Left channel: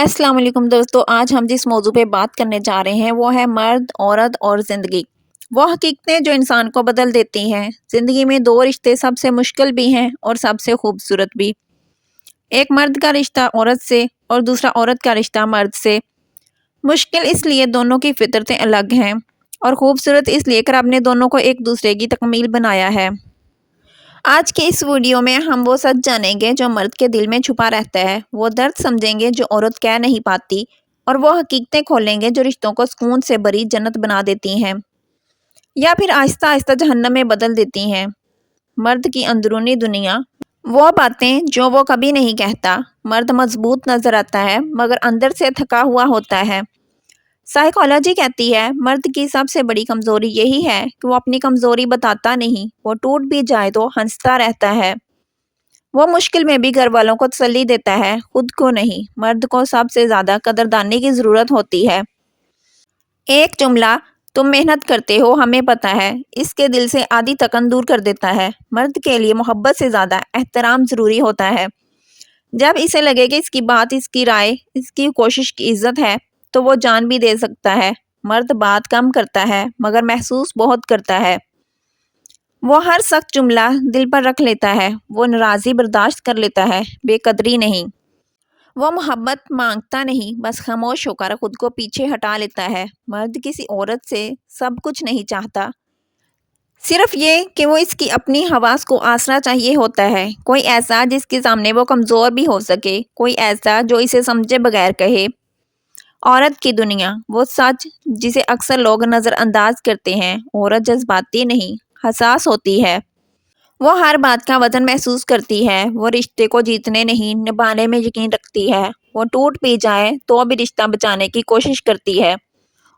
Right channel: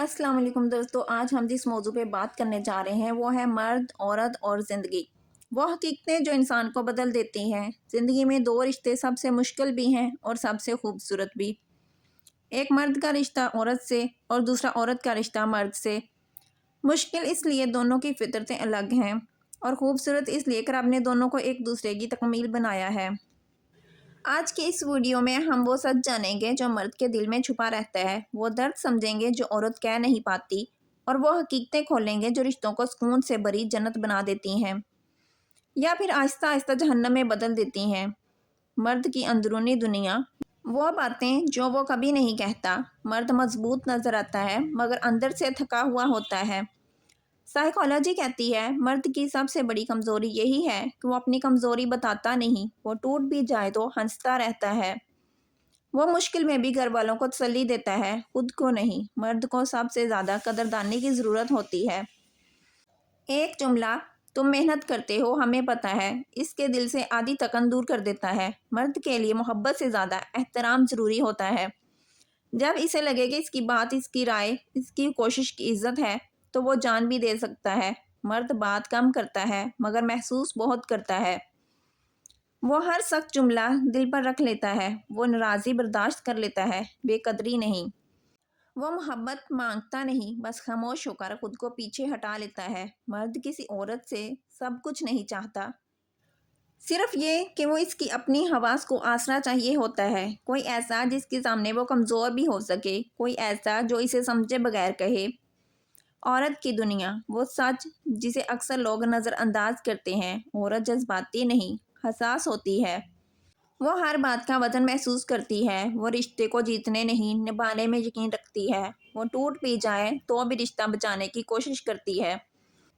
अस्सलाम वालेकुम दोस्तों। आज हम जिस मौजू पे बात करने जा रहे हैं वो है मर्द, औरत और ज़िंदगी। वो हकीकतें जो इंसान को बदल देती हैं। ज़िंदगी में दो रिश्ते सबसे मुश्किल भी हैं और सबसे खूबसूरत भी। एक मर्द का रिश्ता औरत से और दूसरा औरत का रिश्ता मर्द से। मुश्किल इसलिए दोनों की फितरतें अलग हैं और खूबसूरत इसलिए कि रब ने दोनों को एक दूसरे की तकमील बनाया है। आज के इस वीडियो में हम वो सच जानेंगे जो मर्द के दिल में छुपा रहता है, वो दर्द समझेंगे जो औरत कह नहीं पाती, और वो हकीकतें खोलेंगे जो रिश्तों को सुकून से भरी जन्नत बना देती हैं या फिर आहिस्ता आहिस्ता जहन्नम में बदल देती हैं। मर्द की अंदरूनी दुनिया, वो बातें जो वो कभी नहीं कहता। मर्द मजबूत नजर आता है मगर अंदर से थका हुआ होता है। साइकोलॉजी कहती है मर्द की सबसे बड़ी कमज़ोरी यही है कि वो अपनी कमज़ोरी बताता नहीं। वो टूट भी जाए तो हंसता रहता है। वो मुश्किल में भी घर वालों को तसल्ली देता है, खुद को नहीं। मर्द को सबसे ज़्यादा कदरदानी की ज़रूरत होती है। एक जुमला, तुम मेहनत करते हो हमें पता है, इसके दिल से आधी थकन दूर कर देता है। मर्द के लिए मोहब्बत से ज़्यादा एहतराम ज़रूरी होता है। जब इसे लगे कि इसकी बात, इसकी राय, इसकी कोशिश की इज्जत है, तो वो जान भी दे सकता है। मर्द बात कम करता है मगर महसूस बहुत करता है। वो हर सख्त जुमला दिल पर रख लेता है। वो नाराज़ी बर्दाश्त कर लेता है, बेकदरी नहीं। वो मोहब्बत मांगता नहीं, बस खामोश होकर खुद को पीछे हटा लेता है। मर्द किसी औरत से सब कुछ नहीं चाहता, सिर्फ ये कि वो इसकी अपनी हवास को आसरा चाहिए होता है। कोई ऐसा जिसके सामने वो कमज़ोर भी हो सके, कोई ऐसा जो इसे समझे बगैर कहे। औरत की दुनिया, वो सच जिसे अक्सर लोग नज़रअंदाज करते हैं। औरत जज्बाती नहीं, हसास होती है। वो हर बात का वजन महसूस करती है। वो रिश्ते को जीतने नहीं, निभाने में यकीन रखती है। वो टूट भी जाए तो भी रिश्ता बचाने की कोशिश करती है।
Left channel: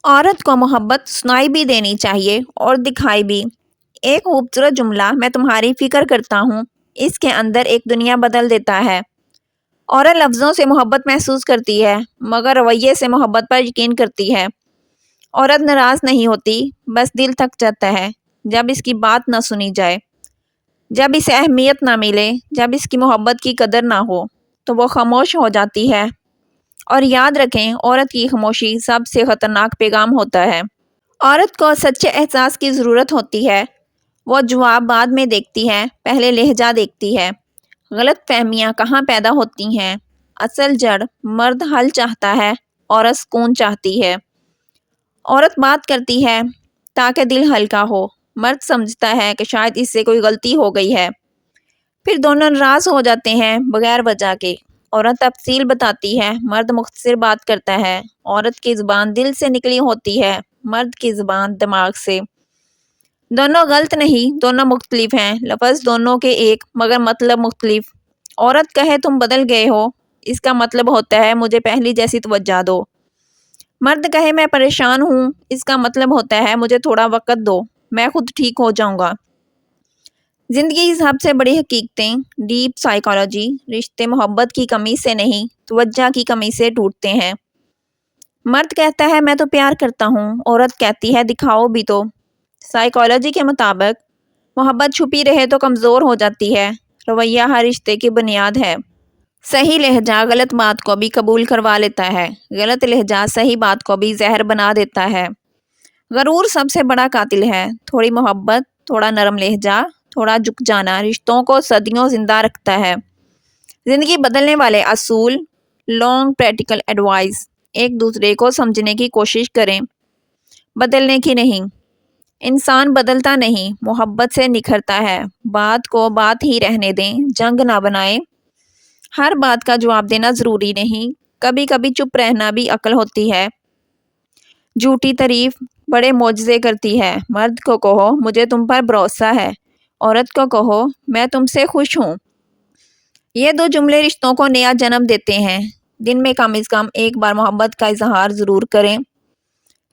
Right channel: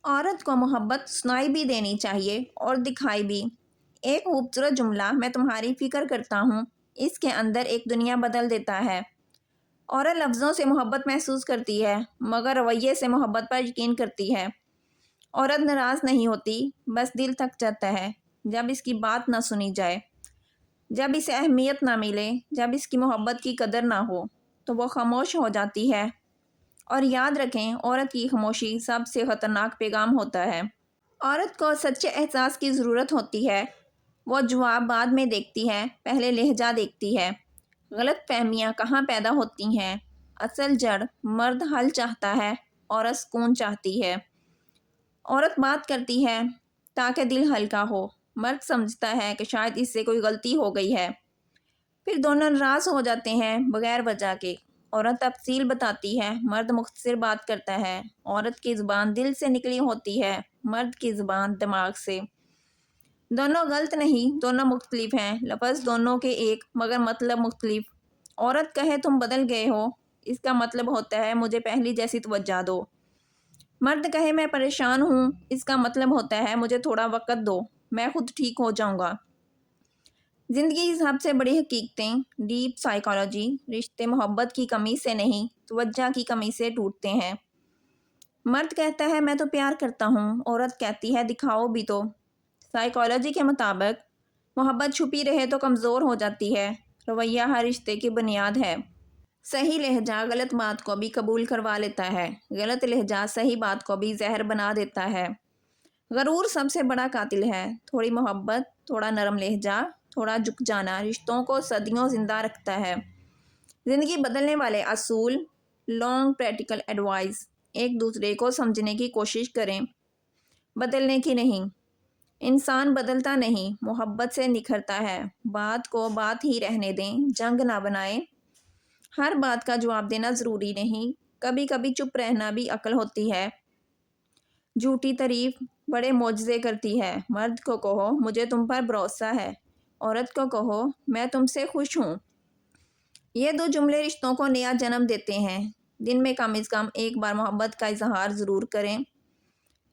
औरत को मोहब्बत सुनाई भी देनी चाहिए और दिखाई भी। एक खूबसूरत जुमला, मैं तुम्हारी फिक्र करता हूँ, इसके अंदर एक दुनिया बदल देता है। औरत लफ्ज़ों से मोहब्बत महसूस करती है मगर रवैये से मोहब्बत पर यकीन करती है। औरत नाराज़ नहीं होती, बस दिल थक जाता है जब इसकी बात ना सुनी जाए, जब इसे अहमियत ना मिले, जब इसकी मोहब्बत की कदर ना हो, तो वो खामोश हो जाती है। और याद रखें, औरत की खामोशी सबसे ख़तरनाक पैगाम होता है। औरत को सच्चे एहसास की ज़रूरत होती है। वो जवाब बाद में देखती है, पहले लहजा देखती है। गलत फहमियाँ कहाँ पैदा होती हैं? असल जड़, मर्द हल चाहता है, औरत सुकून चाहती है। औरत बात करती है ताकि दिल हल्का हो। मर्द समझता है कि शायद इससे कोई गलती हो गई है। फिर दोनों नाराज़ हो जाते हैं बगैर वजह के। औरत तफसील बताती है, मर्द मुख्तसर बात करता है। औरत की ज़ुबान दिल से निकली होती है, मर्द की ज़ुबान दिमाग से। दोनों गलत नहीं, दोनों मुख्तलिफ हैं। लफ्ज़ दोनों के एक मगर मतलब मुख्तलिफ। औरत कहे तुम बदल गए हो, इसका मतलब होता है मुझे पहली जैसी तवज्जो दो। मर्द कहे मैं परेशान हूँ, इसका मतलब होता है मुझे थोड़ा वक़्त दो, मैं खुद ठीक हो जाऊँगा। ज़िंदगी की सबसे बड़ी हकीकतें, डीप साइकोलॉजी, रिश्ते मोहब्बत की कमी से नहीं, तवज्जो की कमी से टूटते हैं। मर्द कहता है मैं तो प्यार करता हूँ, औरत कहती है दिखाओ भी तो। साइकोलॉजी के मुताबिक मोहब्बत छुपी रहे तो कमज़ोर हो जाती है। रवैया हर रिश्ते की बुनियाद है। सही लहजा गलत बात को भी कबूल करवा लेता है, गलत लहजा सही बात को भी जहर बना देता है। गरूर सबसे बड़ा कातिल है। थोड़ी मोहब्बत, थोड़ा नरम लहजा, थोड़ा झुक जाना रिश्तों को सदियों जिंदा रखता है। ज़िंदगी बदलने वाले असूल, लॉन्ग प्रैक्टिकल एडवाइस। एक दूसरे को समझने की कोशिश करें, बदलने की नहीं। इंसान बदलता नहीं, मोहब्बत से निखरता है। बात को बात ही रहने दें, जंग ना बनाएं। हर बात का जवाब देना ज़रूरी नहीं, कभी कभी चुप रहना भी अक्ल होती है। झूठी तारीफ बड़े मोजज़े करती है। मर्द को कहो मुझे तुम पर भरोसा है, औरत को कहो मैं तुमसे खुश हूँ। ये दो जुमले रिश्तों को नया जन्म देते हैं। दिन में कम से कम एक बार मोहब्बत का इजहार ज़रूर करें।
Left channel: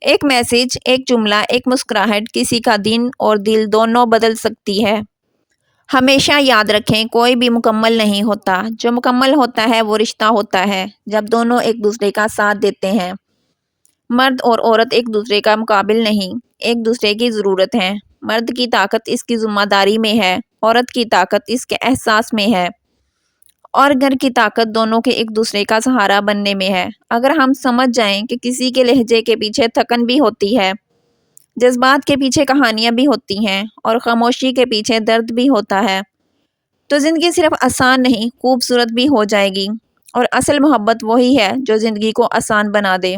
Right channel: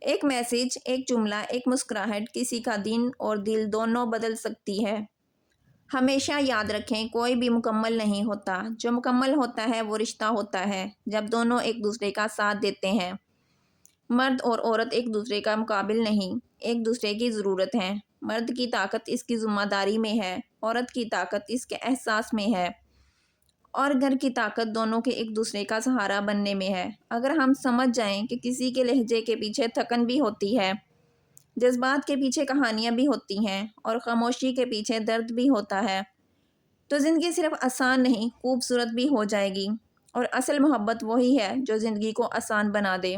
एक मैसेज, एक जुमला, एक मुस्कुराहट किसी का दिन और दिल दोनों बदल सकती है। हमेशा याद रखें, कोई भी मुकम्मल नहीं होता। जो मुकम्मल होता है वो रिश्ता होता है जब दोनों एक दूसरे का साथ देते हैं। मर्द और औरत एक दूसरे का मुकाबिल नहीं, एक दूसरे की ज़रूरत है। मर्द की ताकत इसकी ज़िम्मेदारी में है, औरत की ताकत इसके एहसास में है। اور گھر کی طاقت دونوں کے ایک دوسرے کا سہارا بننے میں ہے۔ اگر ہم سمجھ جائیں کہ کسی کے لہجے کے پیچھے تھکن بھی ہوتی ہے، جذبات کے پیچھے کہانیاں بھی ہوتی ہیں اور خاموشی کے پیچھے درد بھی ہوتا ہے، تو زندگی صرف آسان نہیں، خوبصورت بھی ہو جائے گی۔ اور اصل محبت وہی ہے جو زندگی کو آسان بنا دے۔